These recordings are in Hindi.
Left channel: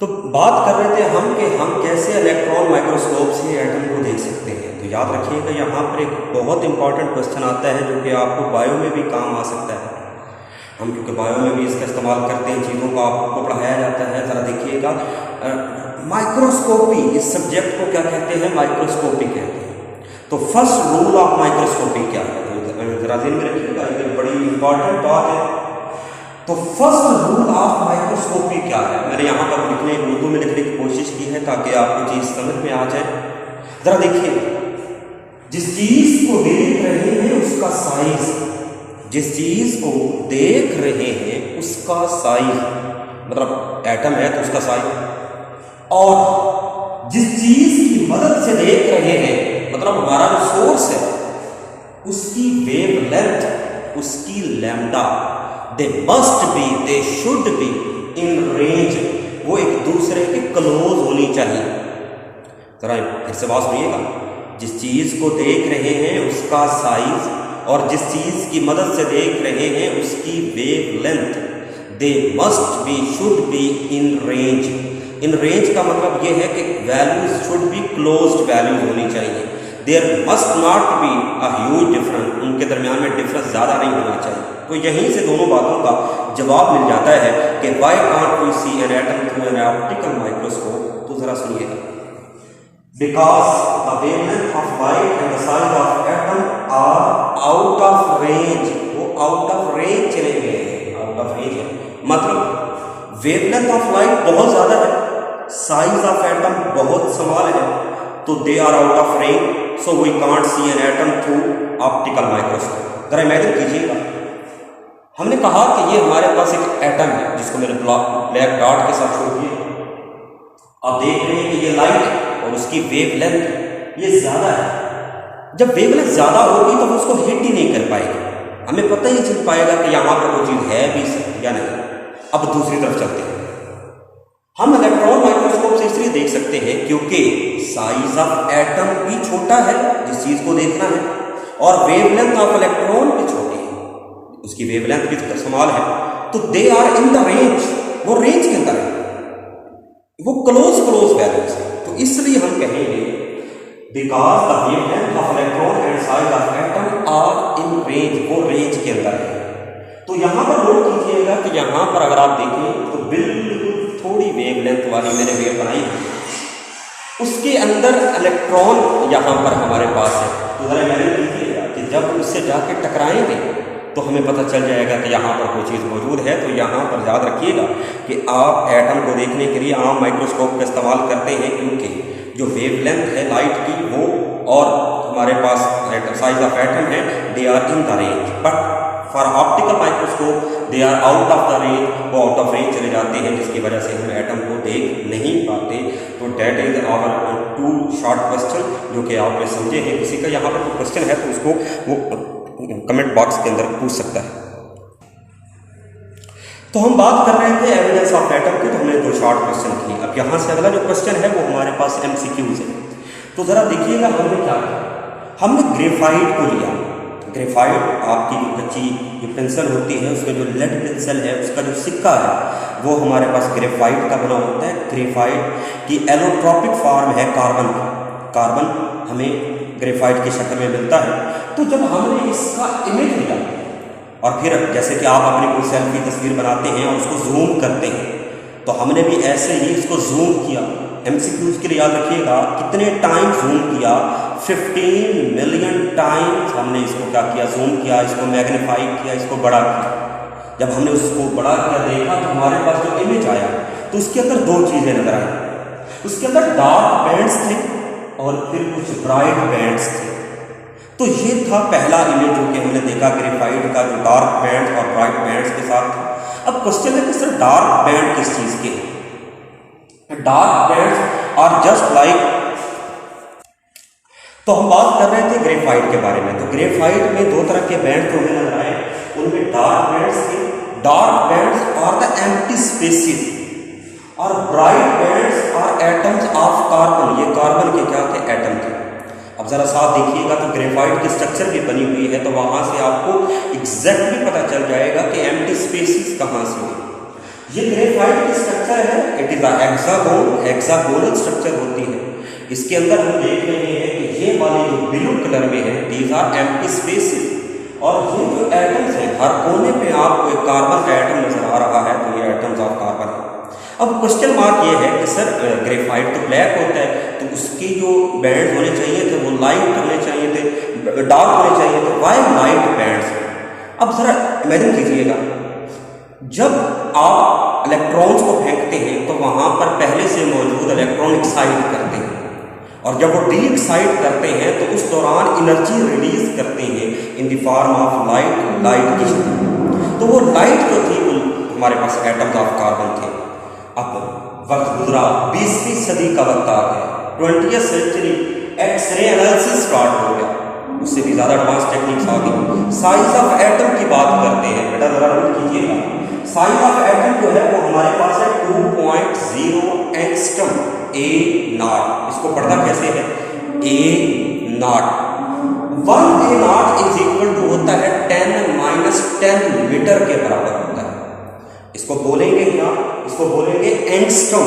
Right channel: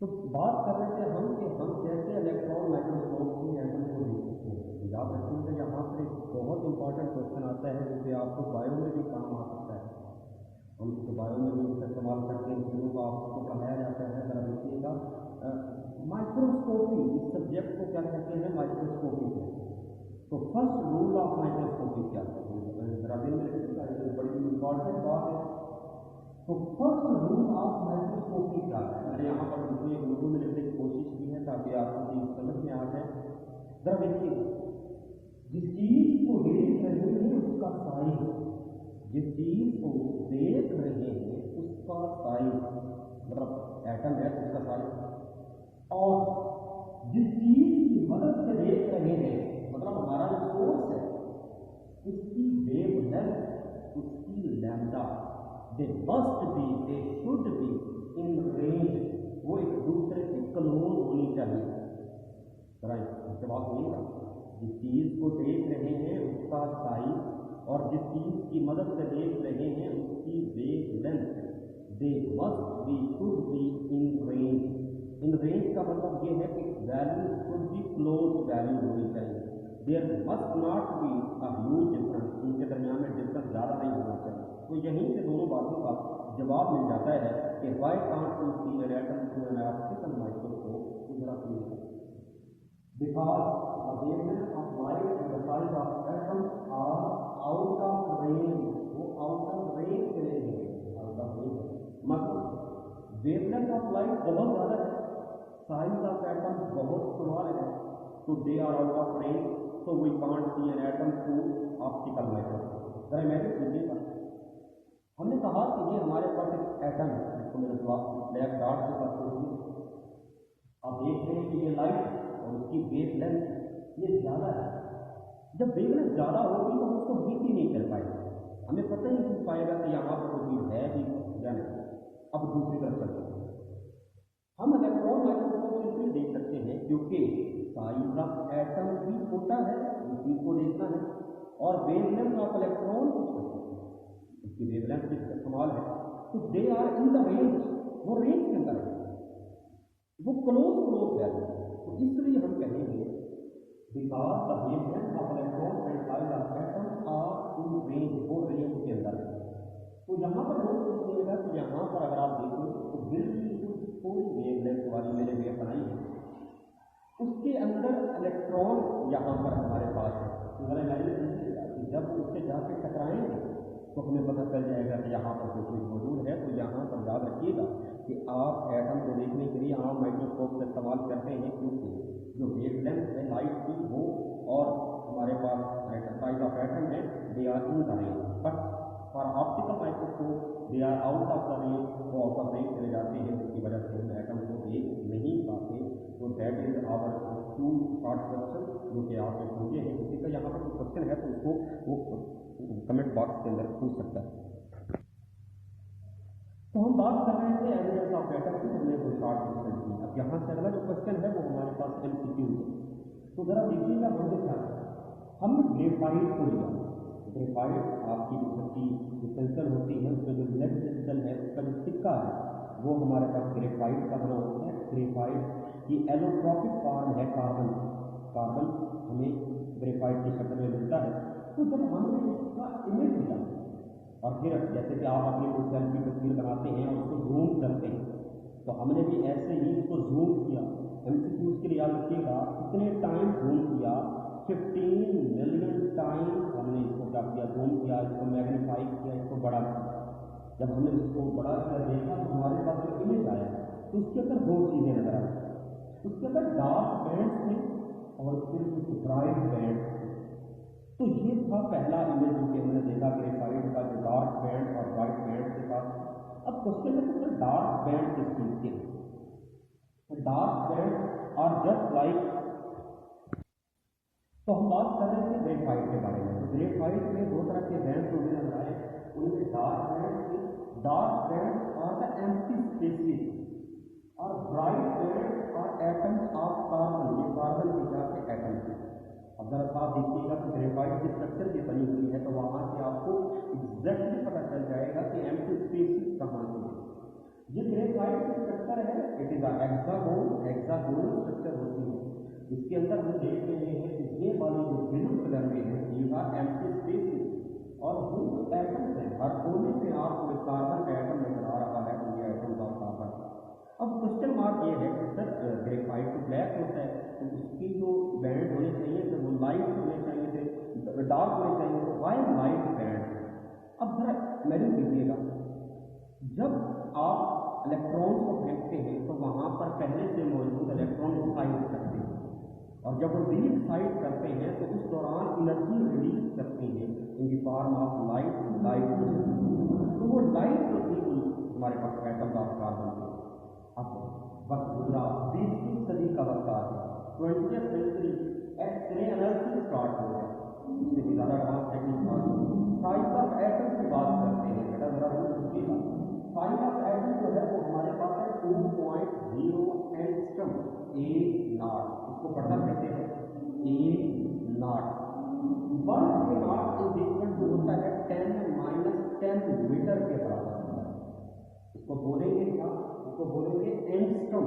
तो बात कर रहे थे हम कि हम कैसे इलेक्ट्रॉन माइक्रोस्कोप से एटम को देख सकते हैं। तो याद रखिएगा यहाँ पर एक बहुत इंपॉर्टेंट क्वेश्चन आता है जो कि आपको बायो में भी काम आ सकता है। हम क्योंकि बायो में भी इसका इस्तेमाल करते हैं, चीज़ों को आपको पढ़ाया जाता है। ज़रा देखिएगा, माइक्रोस्कोपी इस सब्जेक्ट को क्या कहते हैं? माइक्रोस्कोपी कहते हैं। तो फर्स्ट रूल ऑफ माइक्रोस्कोपी क्या है? ज़रा ध्यान में रखिएगा, ये बड़ी इंपॉर्टेंट बात है। तो फर्स्ट रूल ऑफ माइक्रोस्कोपी क्या है? मैंने यहाँ पर उर्दू में लिखने की कोशिश की है ताकि आपको चीज़ समझ में आ जाए। ज़रा देखिए, जिस चीज़ को देख रहे हैं उसका साइज, जिस चीज़ को देख रहे हैं उसका साइज, मतलब एटम है तो उसका साइज, और जिस चीज़ की मदद से देख रहे हैं मतलब हमारा जो सोर्स है उसकी वेवलेंथ, उसकी lambda, they must B, they should be in range, वो एक दूसरे के क्लोज होनी चाहिए। जरा फिर से बात सुनिएगा, जिस चीज़ को देख रहे हैं उसका साइज और जिस चीज़ की मदद से देख रहे हैं उसकी wavelength, they must be, should be in range. In range का मतलब ये है कि values should be closed values होनी चाहिए। There must not be a huge difference, उनके दरमियान में डिफरेंस ज़्यादा नहीं होना चाहिए। तो यहीं से दोनों बातों का जवाब मिल जाता है कि why can't we see an atom through an optical microscope. तो ज़रा सुनिएगा, because the wavelength of light and the size of atom are out of range, वो आउट ऑफ रेंज चले गए हैं, आउट ऑफ रेंज है मतलब वेवलेंथ ऑफ लाइट बहुत ज़्यादा है, साइज ऑफ एटम बहुत स्मॉल है, तो they are out of range, so we can't see an atom through optical microscope. जरा इमेजिन कीजिएगा, हमने कहा कि ये हमारे पास एक एटम है जिसको मैंने ब्लैक डॉट के साथ छोड़ दिया। आप देख रहे हैं कि ये लाइट है और उसकी वेवलेंथ ये ज़्यादा है। जब वेवलेंथ ज़्यादा होगी तो वो उसको हिट ही नहीं कर पाएगी, हमें पता ही चल पाएगा कि यहाँ पर कोई चीज़ है भी या नहीं। अब दूसरी तरफ चलते हैं, हम इलेक्ट्रॉन माइक्रोस्कोप से इसलिए देख सकते हैं क्योंकि साइज ऑफ एटम भी छोटा है जिस चीज़ को देखना है, और वेवलेंथ ऑफ इलेक्ट्रॉन भी छोटी है, उसकी वेवलेंथ भी स्मॉल है, तो they are in the range, वो रेंज के अंदर है, वो क्लोज वैल्यूज है। तो इसलिए हम कहेंगे because the wavelength of electron and size of atom are in range, वो रेंज के अंदर है। तो यहाँ पर नोट कीजिएगा कि यहाँ पर अगर आप देखें तो बिल्कुल थोड़ी वेवलेंथ वाली मैंने वेव बनाई है, उसके अंदर इलेक्ट्रॉन यहाँ पर हमारे पास है। तो ज़रा इमेजिन कीजिएगा कि जब उससे जाके टकराएंगे तो हमें पता चल जाएगा कि यहाँ पर कोई चीज़ मौजूद है। तो यहाँ पर याद रखिएगा कि आप एटम को देखने के लिए आम माइक्रोस्कोप का इस्तेमाल करते हैं क्योंकि जो वेवलेंथ है लाइट की वो और हमारे पास साइज ऑफ एटम है, they are in the range, but for optical microscope they are out of the range, वो आउट ऑफ रेंज चले जाते हैं जिसकी वजह से हम एटम को देख नहीं पाते। तो that is our two short question जो कि आपने समझे हैं। किसी का यहाँ पर कोई क्वेश्चन है तो उसको वो कमेंट बॉक्स के अंदर पूछ सकता है। तो हम बात कर रहे थे एविडेंस ऑफ एटम की, तो हमने दो शॉर्ट क्वेश्चन की। अब यहाँ से अगला जो क्वेश्चन है वो हमारे पास MCQs है। तो ज़रा देखिएगा हमने क्या किया, हमने ग्रेफाइट को लिया। ग्रेफाइट आपकी जो कच्ची जो पेंसिल होती है, उसका जो लेड पेंसिल है उसका जो सिक्का है वो हमारे पास ग्रेफाइट का बना होता है। ग्रेफाइट की एलोट्रॉपिक फॉर्म है कार्बन, कार्बन हमें ग्रेफाइट की शक्ल में मिलता है। तो जब हमने इसका इमेज लिया और फिर जैसे कि आप अपनी कोई सेल्फी तस्वीर बनाते हैं और उसको जूम करते हैं, तो हमने भी ऐसे ही इसको जूम किया। MCQs के लिए याद रखिएगा कितने टाइम जूम किया, 15 मिलियन टाइम्स हमने इसको क्या किया, जूम किया, इसको मैग्नीफाई किया, इसको बड़ा किया। जब हमने उसको बड़ा किया देखा तो हमारे पास जो इमेज आया तो उसके अंदर दो चीज़ें नजर आई, उसके अंदर डार्क बैंड्स थे और फिर कुछ ब्राइट बैंड्स थे। तो ये था पहला इमेज जो कि हमने देखा ग्रेफाइट का, जो डार्क बैंड्स और ब्राइट बैंड्स के साथ था। अब क्वेश्चन है कि सर डार्क बैंड किस चीज़ के हैं? Dark bands are just like, तो हम बात कर रहे थे ग्रेफाइट के बारे में। तो ग्रेफाइट में दो तरह के बैंड जो हमें नजर आए, उनमें डार्क बैंड्स थे। Dark bands are the empty spaces और bright bands are atoms of carbon, ये कार्बन के क्या थे, एटम थे। अब ज़रा साथ देखिएगा तो ग्रेफाइट की स्ट्रक्चर भी बनी हुई है, तो वहाँ से आपको एग्जैक्टली पता चल जाएगा कि एम्प्टी स्पेसेस कहाँ से हुई। ये ग्रेफाइट की स्ट्रक्चर है, इट इज हेक्सागोनल स्ट्रक्चर होती है। इसके अंदर हम देख रहे हैं कि ये वाले जो ब्लू कलर में है दीज आर एम्प्टी स्पेसेस, और ये जो एटम्स हैं हर कोने पे आपको एक कार्बन का एटम नजर आ रहा है, तो ये एटम्स ऑफ कार्बन है। अब क्वेश्चन मार्क ये है कि सर ग्रेफाइट तो ब्लैक होता है, तो उसकी जो बैंड्स होने चाहिए थे वो लाइट होने चाहिए थे, डार्क होने चाहिए थे, वाई लाइट बैंड्स। अब जरा इमेजिन कीजिएगा, जब आप इलेक्ट्रॉन्स को फेंकते हैं तो वहां पर पहले से मौजूद इलेक्ट्रॉन एक्साइट करते हैं, और जब वो डी एक्साइट करते हैं तो उस दौरान एनर्जी रिलीज करते हैं in the form of light की शक्ल। तो वो लाइट जो थी वो हमारे पास एटम्स ऑफ कार्बन थे। अब वक्त गुजरा, 20वीं सदी का वक्त आ गया, 20th century, x ray analysis start हो गया, उससे भी ज़्यादा एडवांस टेक्निक्स आ गई। साइज ऑफ एटम की बात करते हैं, बेटा ज़रा नोट कीजिएगा, साइज ऑफ एटम जो है वो हमारे पास है 2.0 एंगस्ट्रम, ए नॉट। इसको पढ़ना कैसे है, A naught. 1 A naught is equal to होता है 10 मीटर के बराबर होता है। इसको बोलेंगे क्या, इसको बोलेंगे एंगस्ट्रम,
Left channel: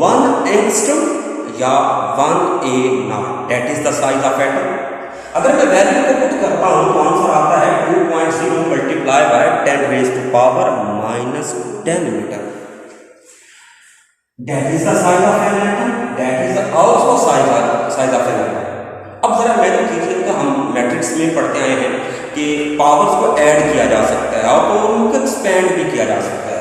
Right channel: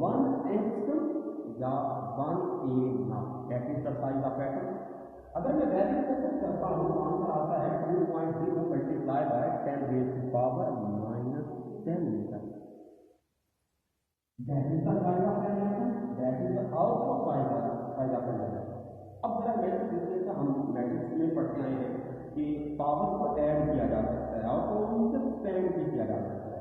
1 एंगस्ट्रम या 1 A naught, that is the size of atom. अगर मैं वैल्यू को पुट करता हूं तो आंसर आता है 2.0 multiply by 10 raise to power -10 metre. That is the size of an atom, that is also size of an atom. अब जरा मैंने कीजिएगा, हम मैट्रिक्स में पढ़ते आए हैं कि पावर्स को ऐड किया जा सकता है और तो उनको एक्सपेंड भी किया जा सकता है।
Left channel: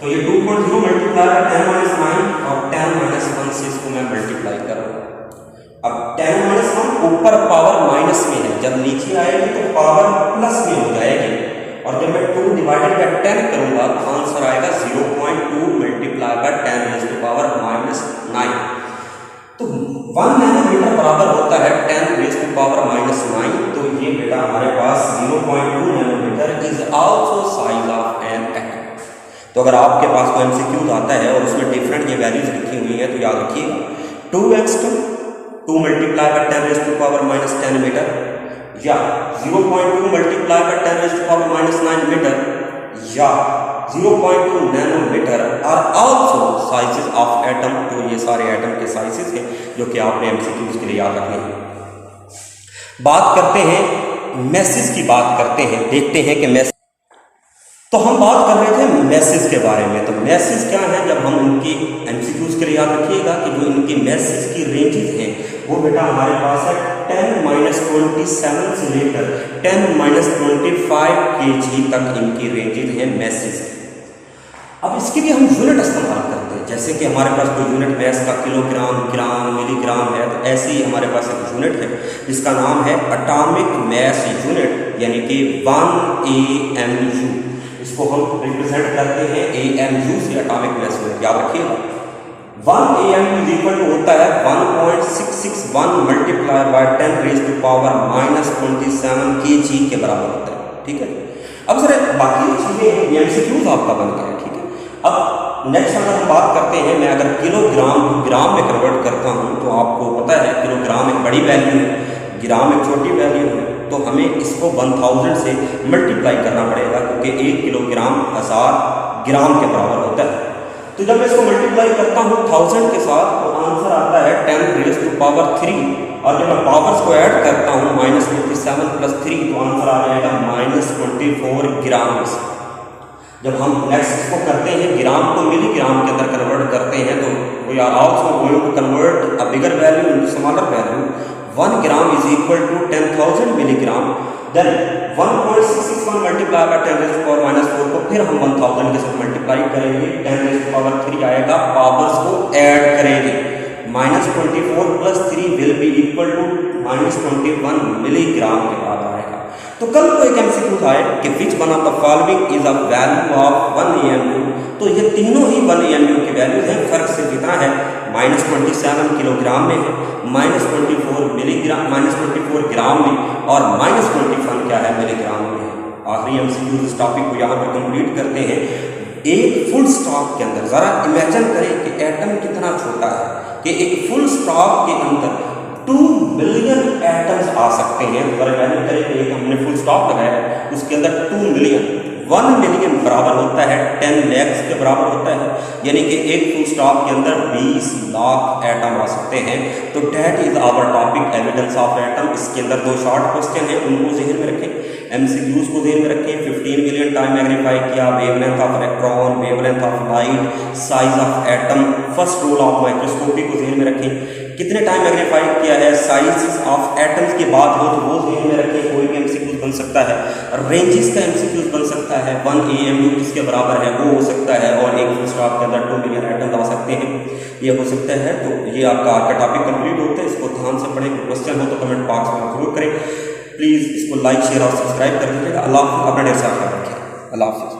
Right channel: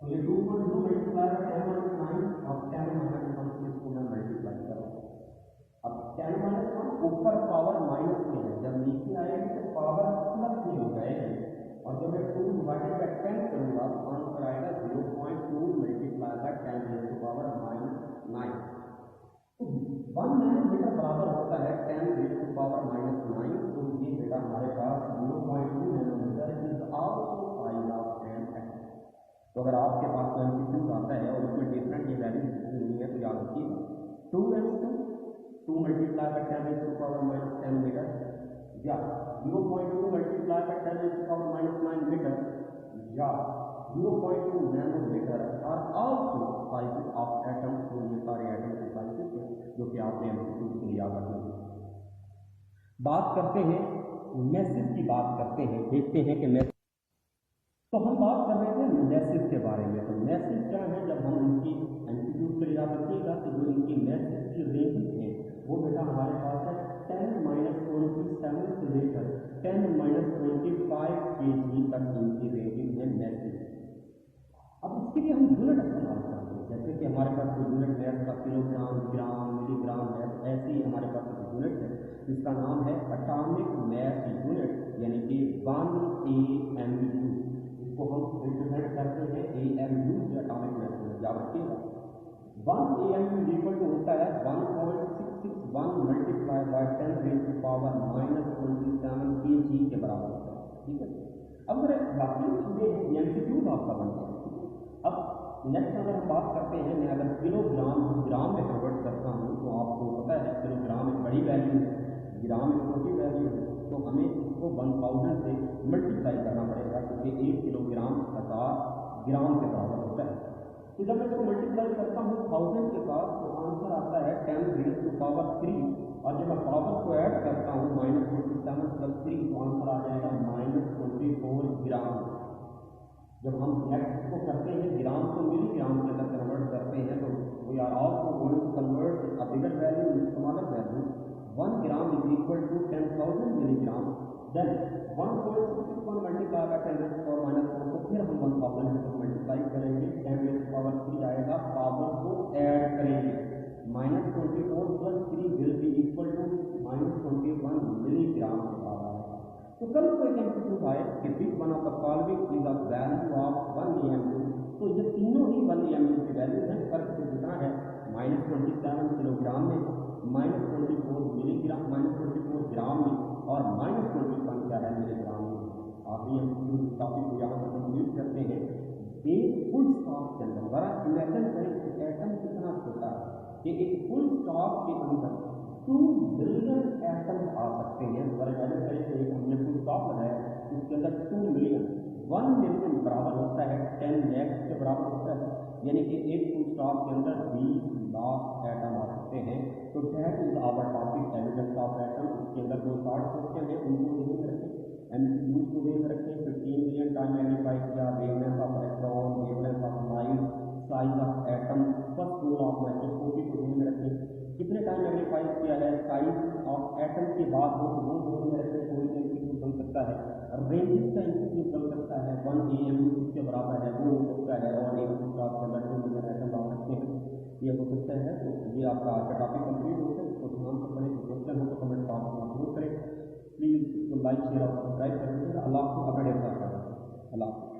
तो ये 2.0 मल्टीप्लाई बाय 10 - 9 और 10 - 1 से इसको मैं मल्टीप्लाई कर रहा हूँ। अब 10 - 1 ऊपर पावर माइनस में है, जब नीचे आएगी तो पावर प्लस में हो जाएगी, और जब मैं 2 डिवाइडेड बाय 10 करूंगा तो आंसर आएगा 0.2 multiply by 10 raise to power -9। तो 1 नैनोमीटर बराबर होता है 10 रेज़ टू पावर -9। तो ये बेटा हमारे पास 0.2 nanometre is also size of an atom. तो अगर आपके पास कोई एमसीक्यूज आता है और उसमें डिफरेंट ये वैल्यूज लिखी हुई है तो याद रखिएगा, 2 angstrom, 2 multiply by 10 raise to power -10 metre, या 0.2 multiply by 10 raise to power -9 metre, या 0.2 nanometre are also sizes of atom. तो ये सारे एटम के साइजेस हैं जो कि आपने एमसीक्यूज के लिए याद रखने हैं। बात करते हैं मैसेज की, बात करते हैं, देखते हैं कि मैसेज, तो हम बात कर रहे थे मैसेज के बारे में। तो मैसेज क्या है, जब हम उनकी एमसीक्यूज के लिए याद रखिएगा कि जो इनकी मैसेज की रेंजेस हैं वो बेटा हमारे पास है 10-27 से लेकर 10-25 kg तक इनकी रेंजेस हैं मैसेज। अब इसके लिए हम यूनिट इस्तेमाल करते हैं, जैसे कि हमारे पास कोई यूनिट मैस का किलोग्राम, ग्राम, मिलीग्राम है, तो ऐसे ही हमारे पास एक यूनिट है जिसका नाम है एटॉमिक मैस यूनिट, यानी कि 1 AMU। इसको हम रिप्रेजेंट करते हैं AMU से, एटॉमिक मैस यूनिट, याद रखिएगा। 1 AMU इज इक्वल टू होता है 1.661 multiply by 10 raise to power -27 kg के बराबर होता है, ठीक है। अब सर बाकी चीजें एमसीक्यूज आपका बन गया, ठीक है। अब नेक्स्ट अगर हम बात करते हैं, मैं अगर किलोग्राम को ग्राम में कन्वर्ट करता हूं तो आपको पता है किलोग्राम एक बड़ी वैल्यू है, ग्राम एक छोटी वैल्यू है, तो हमें इसको 1000 से मल्टीप्लाई करना पड़ेगा क्योंकि 1 किलोग्राम 1000 ग्राम के बराबर होता है। तो जब मैं इसको मल्टीप्लाई करता हूँ 1000 के साथ तो आंसर आता है 10 रेज़ टू पावर 3, और जब मैं पावर्स को ऐड करता हूँ -27 + 3 तो आंसर आ जाएगा -24 ग्राम। जब हम नेक्स्ट इसको करते हैं ग्राम को मिलीग्राम के अंदर कन्वर्ट करते हैं तो we are also going to convert a bigger value into smaller value. 1 gram is equal to 10,000 milligram, then 1.661 multiply by 10 raise to power -4 को फिर हम 1000 के साथ मल्टीप्लाई करेंगे, 10 रेज़ टू पावर 3 आएगा, पावर्स को ऐड करेंगे, -24 + 3 will be equal to -21 milligram के बराबर आएगा। तो कल को एक एमसीक्यू आए कि which one of the following is a value of 1 AMU, तो ये तीनों ही 1 AMU की वैल्यूज हैं, फर्क सिर्फ इतना है -27 किलोग्राम में है, -24 मिलीग्राम, -24 ग्राम में, और -21 क्या है मिलीग्राम में है। आखिरी एमसीक्यू इस टॉपिक को यहाँ पर कंप्लीट करते हैं। एक फुल स्टॉप के अंदर जरा इमेजिन करें कि एटम कितना छोटा है कि एक फुल स्टॉप के अंदर 2 बिलियन एटम्स आ सकते हैं। जरा इमेजिन करें कि एक हमने फुल स्टॉप लगाया, उसके अंदर 2 मिलियन, 1 मिलियन बराबर होता है 10 लैक्स के बराबर होता है, यानी कि एक फुल स्टॉप के अंदर 20 लाख एटम आ सकते हैं। तो that is our topic evidence of atom. इसके अंदर 2 शॉर्ट क्वेश्चन हैं, उनको जहन में रखें, एमसीक्यूज को जहन में रखें। 15 मिलियन टाइम मैग्नीफाई किया, wavelength of electron, wavelength of light, size of atom, first rule of microscopy को जहन में रखें। कितने टाइम मैग्नीफाई किया है, साइज ऑफ एटम्स की बात हो तो वो जहन में रखें, कोई भी एमसीक्यूज बन सकता है। रेंजेस का एमसीक्यूज बन सकता है, 1 AMU किसके बराबर है वो हो सकता है, और एक फुल स्टॉप के अंदर 2 मिलियन एटम आ सकते हैं, ये हो सकता है। तो ये आपका आज का टॉपिक कंप्लीट होता है। इसको ध्यान से पढ़ें, कोई क्वेश्चन हो तो कमेंट बॉक्स में जरूर करें। प्लीज़ इसको लाइक शेयर और सब्सक्राइब कर दीजिएगा। अल्लाह हाफ़िज़, अपना ढेर सारा ख्याल रखिए। अल्लाह हाफ़िज़।